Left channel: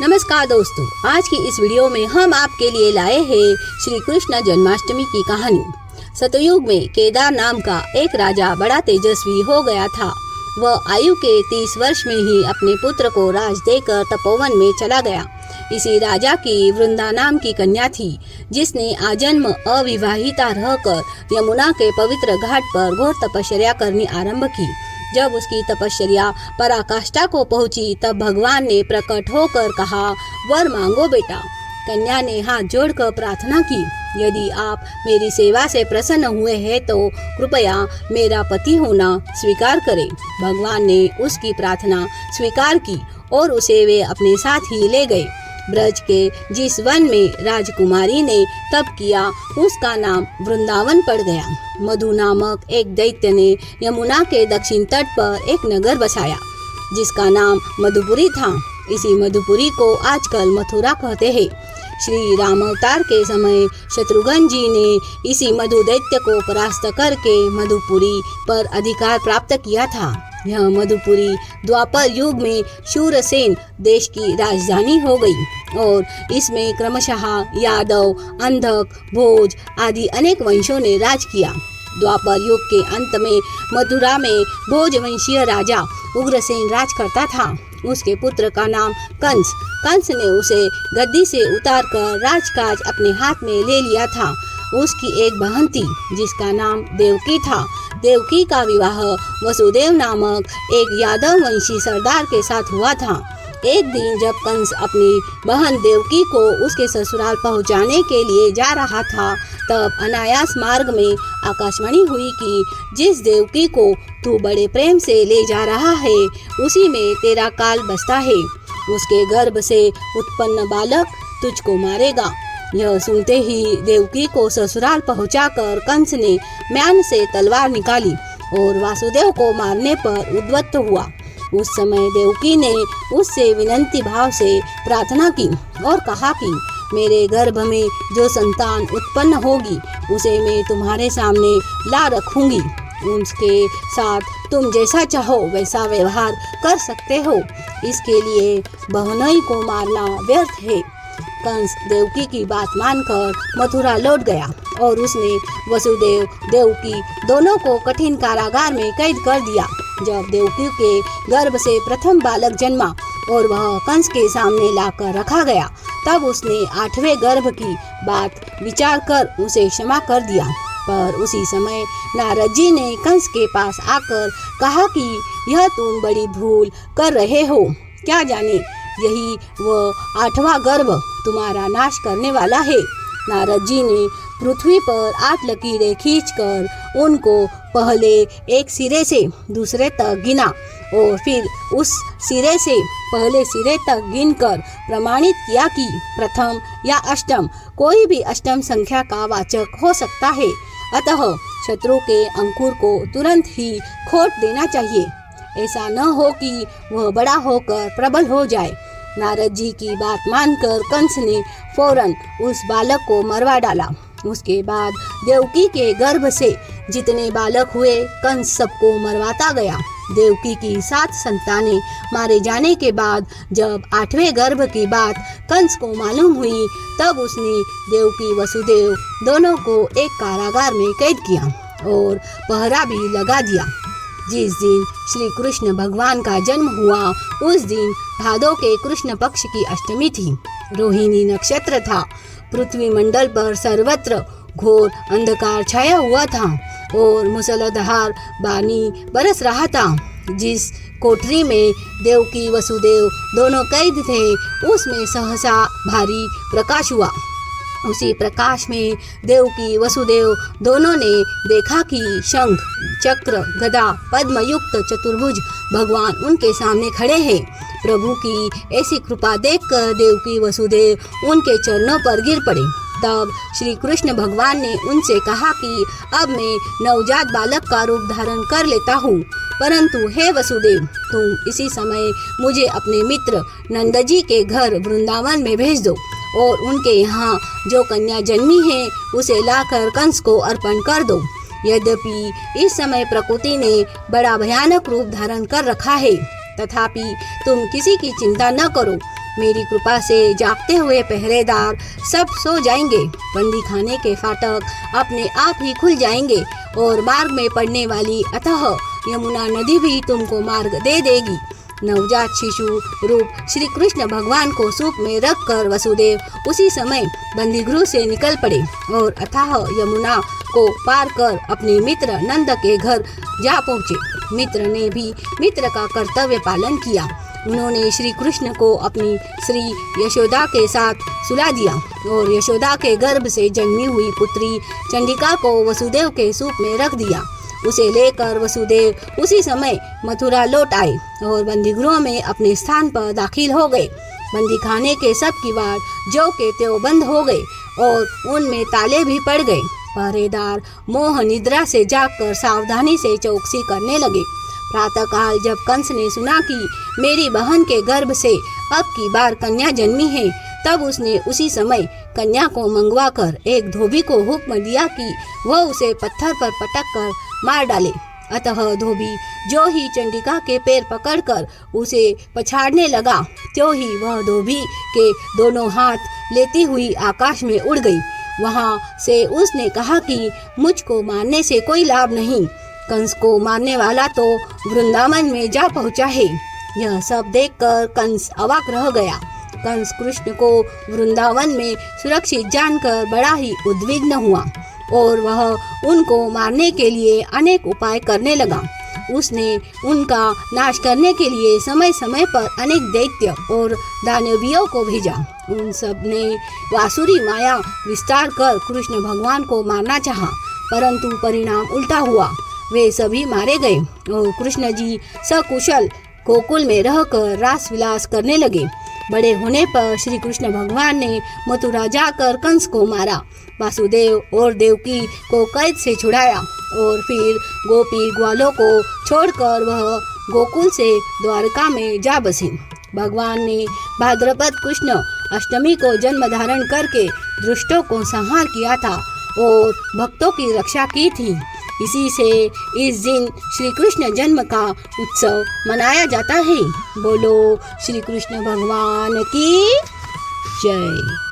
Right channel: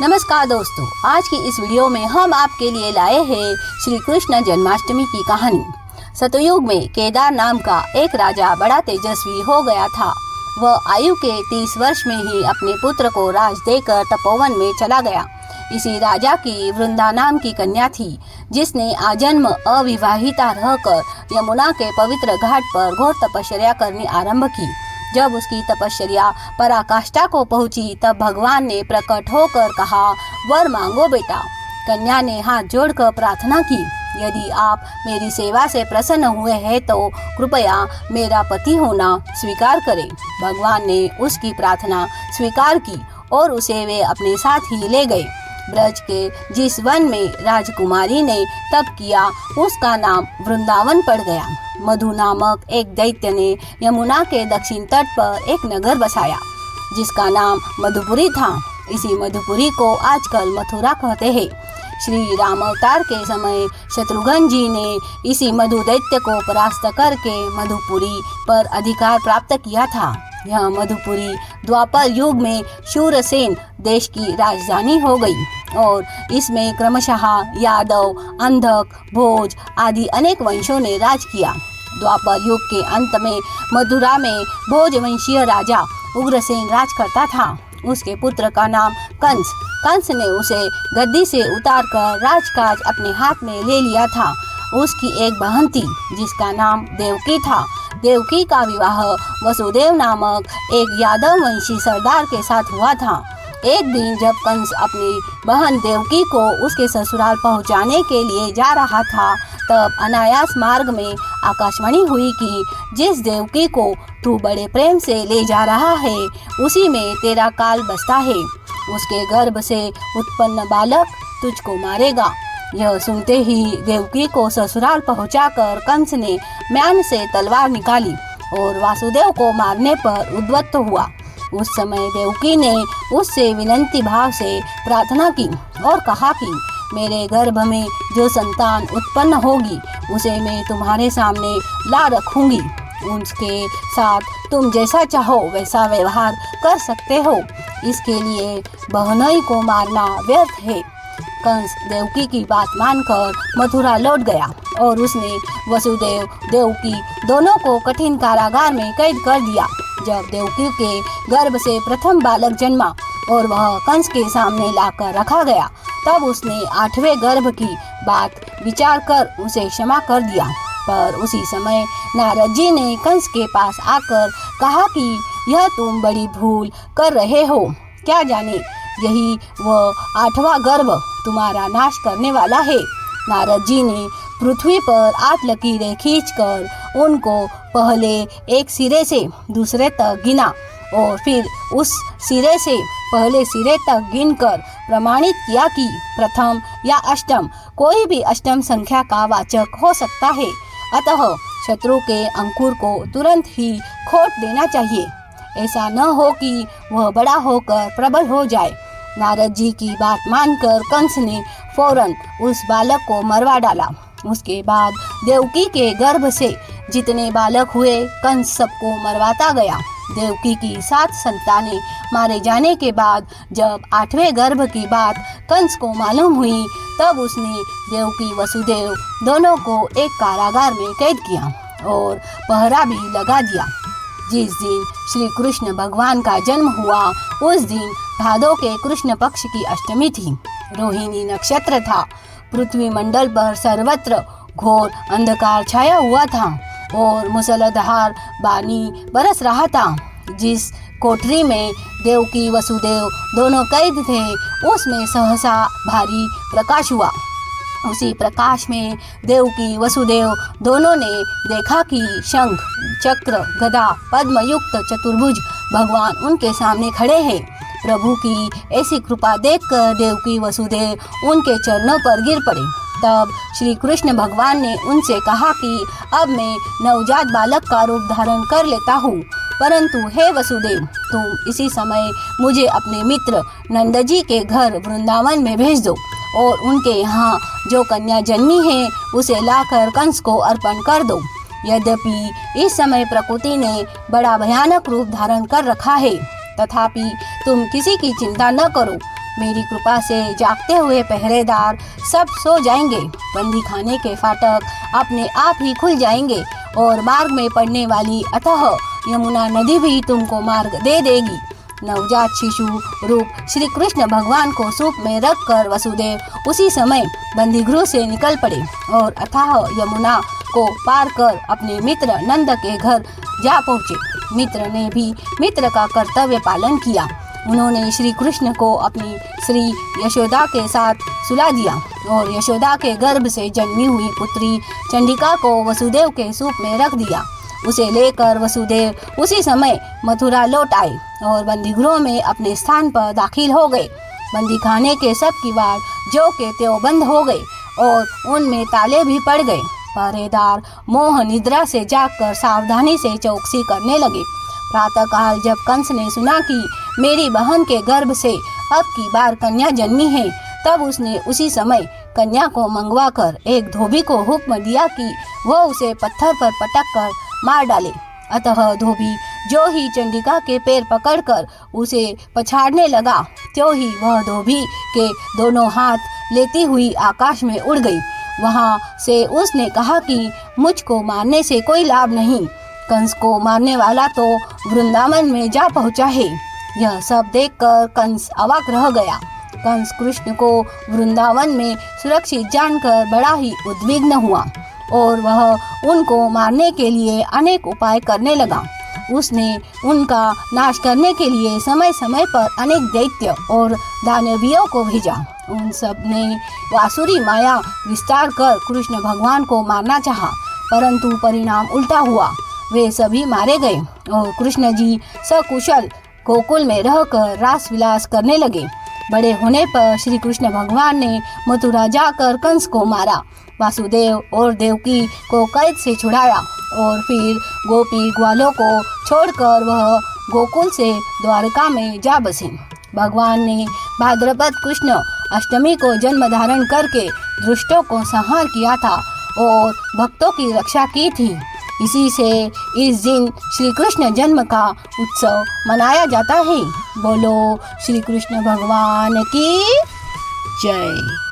नमस्कार दोस्तों, आज की इस वीडियो में हम आपके लिए लाए हैं श्री कृष्ण जन्माष्टमी की कहानी। सतयुग में केदार नाम का एक राजा बड़ा तेजस्वी हो गया था। वह आयु के 30 वर्ष में ही अपने पुत्र को राज देकर तपोवन में चला गया। इसी राजा की वृंदा नाम की कन्या थी, जिसने आजन्म अविवाहिता रहकर यमुना के पवित्र घाट पर घोर तपस्या करनी आरंभ की। जब उसकी तपस्या पराकाष्ठा को पहुंची, तब भगवान ने प्रकट होकर कहा, वर मांगो बेटा। कन्या ने हाथ जोड़कर प्रार्थना की, यदि आप मेरी सेवा से प्रसन्न हुए हैं तो कृपया मेरा पति होना स्वीकार करें। भगवान ने उसकी प्रार्थना स्वीकार की और उसे वे अपने साथ ही ले गए। ब्रज के जिस वन में राजकुमारी ने तप किया, उसका नाम वृंदावन पड़ गया। मधु नामक एक दैत्य ने यमुना के दक्षिण तट पर एक नगर बसाया, जिसका नाम मधुपुरी था। इसी मधुपुरी को आजकल मथुरा कहते हैं। श्री राम अवतार के समय शत्रुघ्न जी ने इसी मधु दैत्य को परास्त करके मधुपुरी पर अधिकार प्राप्त किया था। यह मधुपुरी द्वापर युग में शूरसेन देश की राजधानी हो गई और इसमें क्रमशः यादव, अंधक, भोज आदि अनेक वंशों ने राज किया। द्वापर युग के अंत में मथुरा में भोज वंशीय राजा उग्रसेन राज करता था। उसके पुत्र का नाम कंस। कंस ने उसे गद्दी से उतारकर राजकाज अपने हाथ में ले लिया था। उसकी एक बहन थी, जिसका नाम देवकी था। देवकी का विवाह वसुदेव नामक एक यादव वंशी सरदार के साथ हुआ था। एक दिन जब कंस अपनी बहन देवकी को उसके ससुराल पहुंचाने के लिए जा रहा था, तब अनायास मार्ग में आकाशवाणी हुई कि जिस देवकी को तू बड़े प्रेम से ले जा रहा है, उसी में तेरा काल बसता है। उसके गर्भ से उत्पन्न बालक तुझको मारेगा। यह सुनते ही देवकी को ससुराल पहुंचाकर कंस ने म्यान से तलवार निकाली और वासुदेव को मारने पर उद्यत हुआ। उस समय देवकी ने उससे विनती भाव से प्रार्थना की और कहा कि मेरे गर्भ में जो संतान उत्पन्न होगी, उसे मैं तुम्हारे सामने ला रखूंगी। उसके साथ तुम जैसा चाहो वैसा व्यवहार कर सकते हो। इसके लिए बहनोई को मारना व्यर्थ है। कंस देवकी की बात मानकर मथुरा लौट गया और उसने वसुदेव, देवकी दोनों को कठिन कारागार में कैद कर दिया। जब देवकी के गर्भ से प्रथम बालक जन्मा और वह कंस के सामने लाकर रखा गया, तब उसने 8वें गर्भ की बात विचार कर उसे क्षमा कर दिया। पर उसी समय नारद जी ने कंस के पास आकर कहा कि यह तुम बड़ी भूल कर रहे हो। क्या जाने यही वह 8वां गर्भ तुम्हारा नाश करने वाला है। नारद जी ने पृथ्वी पर 8 लकीरें खींचकर उनको पहले एक सिरे से दूसरे तक गिना और फिर उस सिरे से पहले सिरे तक गिनकर प्रमाणित किया कि प्रथम या अष्टम कोई भी अष्टम संख्या का वाचक हो सकता है। अतः शत्रु के अंकुर को तुरंत ही खोट देना चाहिए, ऐसा न हो कि वह बड़ा होकर प्रबल हो जाए। नारद जी की बात मानकर कंस ने फौरन उस बालक को मरवा डाला। उसके बाद देवकी के गर्भ से जितने बालक हुए, कंस सबको मरवाता गया। देवकी की 7 संतानें मारे जाने के बाद जब 8वें गर्भ की बात कंस को मालूम हुई, तब उसने देवकी, वसुदेव दोनों को एक कारागार में कैद किया और पहरा भी लगा दिया। जिस दिन श्री कृष्ण भगवान का जन्म हुआ, उस दिन भादो के कृष्ण पक्ष की अष्टमी थी। रोहिणी नक्षत्र था। पृथ्वी मंडल पर सर्वत्र घोर अंधकार छाया हुआ था और मूसलाधार पानी बरस रहा था। जिस कोठरी में देवकी, वसुदेव दोनों कैद थे, उसमें सहसा भारी प्रकाश हुआ। उसी प्रकाश में देवकी, वसुदेव दोनों ने देखा कि शंख, चक्र, गदा, पद्म युक्त चतुर्भुज भगवान उनके सामने खड़े हैं। प्रभु की ऐसी कृपा देखकर देवकी, वसुदेव उनके चरणों पर गिर पड़े। तब श्री कृष्ण भगवान ने उनसे कहा कि अब मैं नवजात बालक का रूप धारण कर लेता हूँ, परंतु हे वसुदेव, तुम इसी समय मुझे अपने मित्र नंद जी के घर वृंदावन में भेज दो और उनके यहाँ जो कन्या जन्मी है, उसे लाकर कंस को अर्पण कर दो। यद्यपि इस समय प्रकृति ने बड़ा भयानक रूप धारण कर रखा है, तथापि तुम किसी की चिंता न करो। मेरी कृपा से जागते हुए पहरेदार सब सो जाएंगे। बंदी खाने के फाटक अपने आप ही खुल जाएंगे और मार्ग में पड़ने वाली अथाह यमुना नदी भी तुमको मार्ग दे देगी। नवजात शिशु रूप श्री कृष्ण भगवान को सूप में रखकर वसुदेव उसी समय बंदीगृह से निकल पड़े और अथाह यमुना को पार कर अपने मित्र नंद के घर जा पहुँचे। मित्र ने भी मित्र का कर्तव्य पालन किया। उन्होंने श्री कृष्ण को अपनी श्री यशोदा के साथ सुला दिया और यशोदा के गर्भ से जन्मी हुई पुत्री चंडिका को वसुदेव के सूप में रख दिया। उसे लेकर वसुदेव उसी समय मथुरा लौट आए और बंदीगृह में अपने स्थान पर दाखिल हो गए। बंदी खाने के सब किवाड़ जो के त्यों बंद हो गए और उनमें ताले भी पड़ गए। पहरेदार मोह निद्रा से जागकर सावधानी से चौकसी करने लगे। प्रातःकाल जब कंस ने सुना कि मेरी बहन के गर्भ से अब की बार कन्या जन्मी है, तब उसने उसी समय कन्या को मंगवा कर एक धोबी को हुक्म दिया कि वह उसे पत्थर पर पटक कर मार डाले। अतः धोबी जो ही चंडिका के पैर पकड़कर उसे पछाड़ने लगा, त्यों ही वह धोबी के दोनों हाथ लेती हुई आकाश में उड़ गई। वहां से उसने कहा कि मुझको मारने से कोई लाभ नहीं, कंस को मारने वाला तो वृंदावन में जा पहुंचा है। यह सब देखकर कंस अवाक रह गया। कंस कृष्ण को वृंदावन में सुरक्षित जानकर बड़ा ही उद्विग्न हुआ और वह उनको मारने के लिए अनेक उपाय करने लगा। उसने उनका नाश करने के लिए समय समय पर अनेक दैत्य और दानवियों को भेजा। उन सब ने वासुरी माया विस्तार कर कृष्ण भगवान को मारना चाहा, परंतु परिणाम उल्टा हुआ। वे सभी मारे गए और कृष्ण जी सकुशल गोकुल में रहकर रास विलास करने लगे। बड़े होने पर श्री कृष्ण भगवान ने मथुरा जाकर कंस को मारा, वासुदेव और देवकी को कैद से छुड़ाया और फिर गोपी ग्वालों को छोड़कर वह गोकुल से द्वारका में जा बसे। भगवान ने भाद्रपद कृष्ण अष्टमी को जन्म धारण करके दुष्टों को संहार किया था और भक्तों की रक्षा की थी। इसी से इस दिन श्री कृष्ण जन्म का उत्सव मनाया जाता है। बोलो श्री कृष्ण भगवान की जय।